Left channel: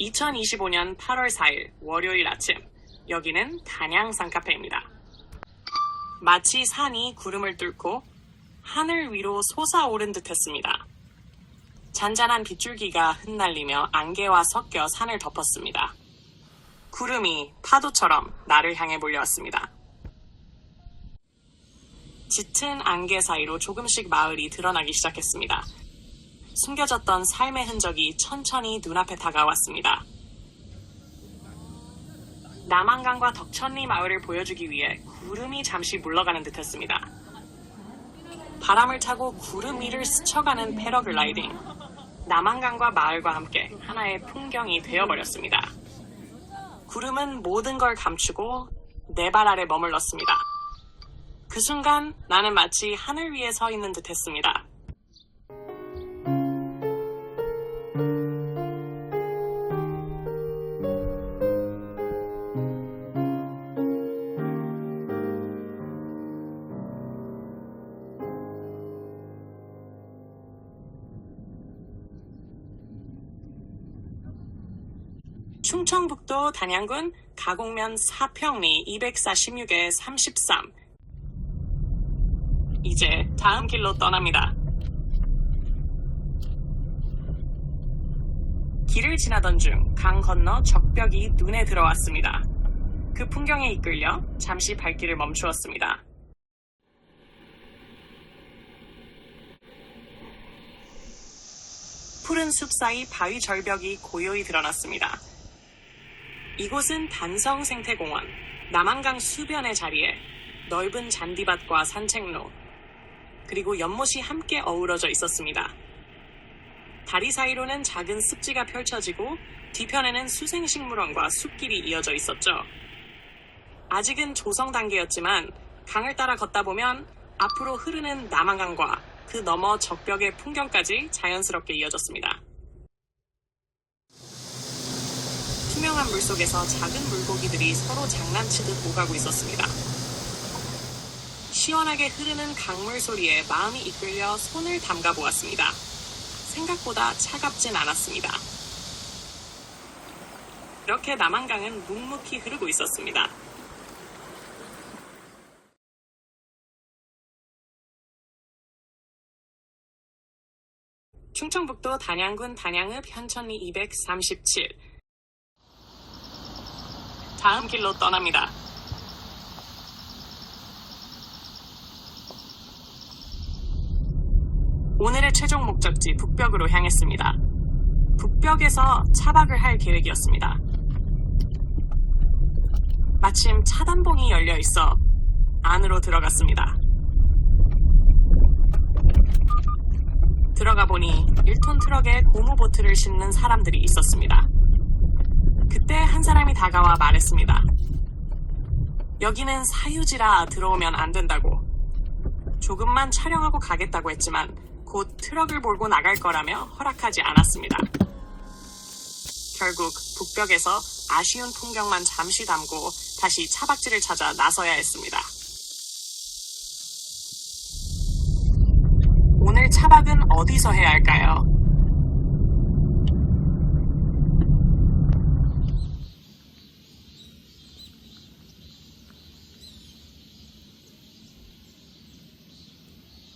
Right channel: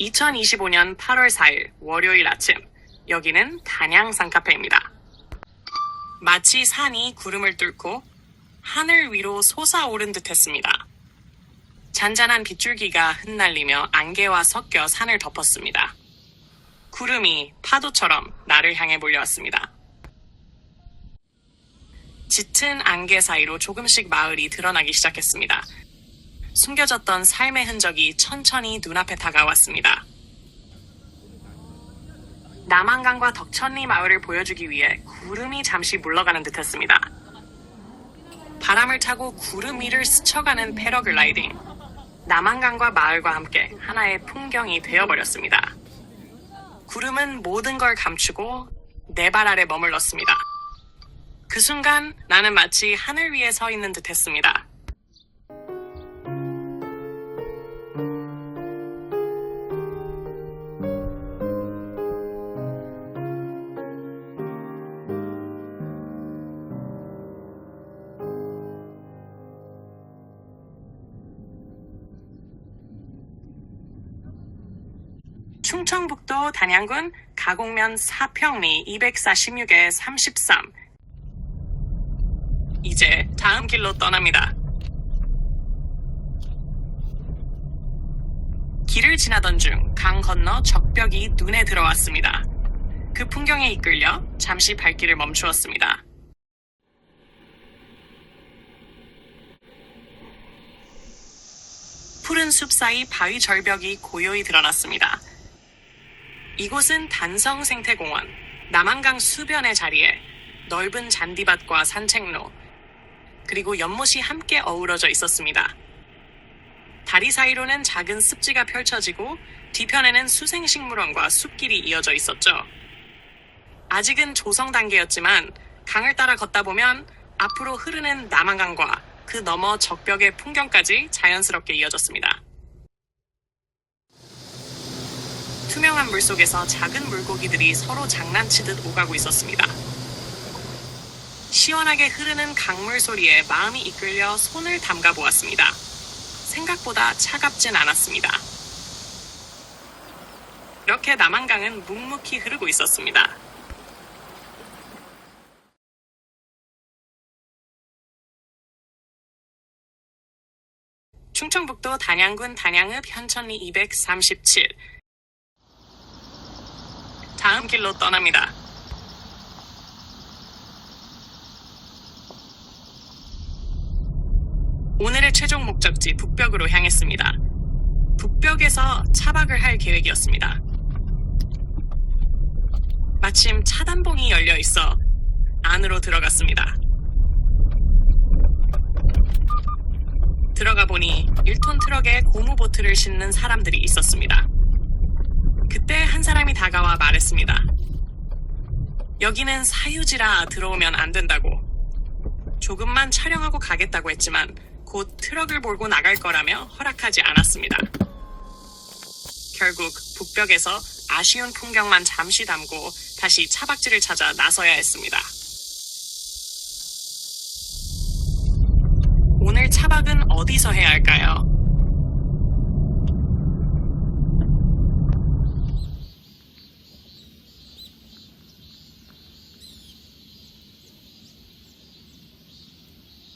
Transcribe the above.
2025년 8월 4일 월요일 아침 여기는 단양 산 카페입니다. 마치 산이 구름을 뚫고 하늘 위로 솟아오른 듯 했습니다. 잔잔한 빗줄기가 흩날리며 안개와 섞여 산을 덮었습니다. 구름이 파도처럼 나를 향해 몰려왔습니다. 짙은 안개 사이로 조금씩 마을이 드러나기 시작했습니다. 숨겨졌던 삶의 흔적이 천천히 눈앞에 다가왔습니다. 남한강과 덕천리 마을을 보여주기 위해 구름이 잠시 물러가는 듯했습니다. 바람을 타고 구름 위를 스쳐가는 패러글라이딩. 남한강과 마을과 함께 하나의 풍경이 되어버렸습니다. 구름은 모든 걸 감추고 내 발 아래 머물렀습니다. 그 순간 나는 마치 하늘 위에 서 있는 듯 했습니다. 충청북도 단양군 가곡면 사평리 246에 33. 이제 다음 길로 떠납니다. 길을 지나던 중 강 건너 적벽이 눈에 들어왔습니다. 그 풍경에 이끌려 잠시 발길을 멈추었습니다. 푸른 숲 사이 바위 절벽이 고요히 드러났습니다. 이곳은 단성 생태공원, 남한강 수변의 자리에 넓은 잔디밭과 산책로, 그리고 연못이 함께 어우러져 있었습니다. 다리 사이로는 작은 습지가 펼쳐지고 뒤편에는 수생식물원과 숲길이 이어져 있었죠. 아직은 조성 단계였지만 강을 따라 걷다 보면 앞으로 흐르는 남한강과 그 너머 적벽의 풍경까지 자연스럽게 이어졌습니다. 투명한 물 속에서 작은 물고기들이 서로 장난치듯 오가고 있었습니다. 시원하게 흐르는 강물 소리에 마음이 이끌려 손을 담가 보았습니다. 생각보다 차갑진 않았습니다. 이렇게 남한강은 묵묵히 흐르고 있었습니다. 충청북도 단양군 단양읍 현천리 237. 다음 길로 떠납니다. 오늘의 최종 목적지 북벽으로 향했습니다. 북벽에서 차박을 할 계획이었습니다. 마침 차단봉이 열려 있어 안으로 들어갔습니다. 들어가 보니 1톤 트럭에 고무보트를 싣는 사람들이 있었습니다. 그때 한 사람이 다가와 말했습니다. 여기는 사유지라 들어오면 안 된다고. 조금만 촬영하고 가겠다고 했지만 곧 트럭을 몰고 나갈 거라며 허락하지 않았습니다. 결국 북벽에서 아쉬운 풍경만 잠시 담고 다시 차박지를 찾아 나서야 했습니다. 오늘 차박은 어디서 해야 할까요?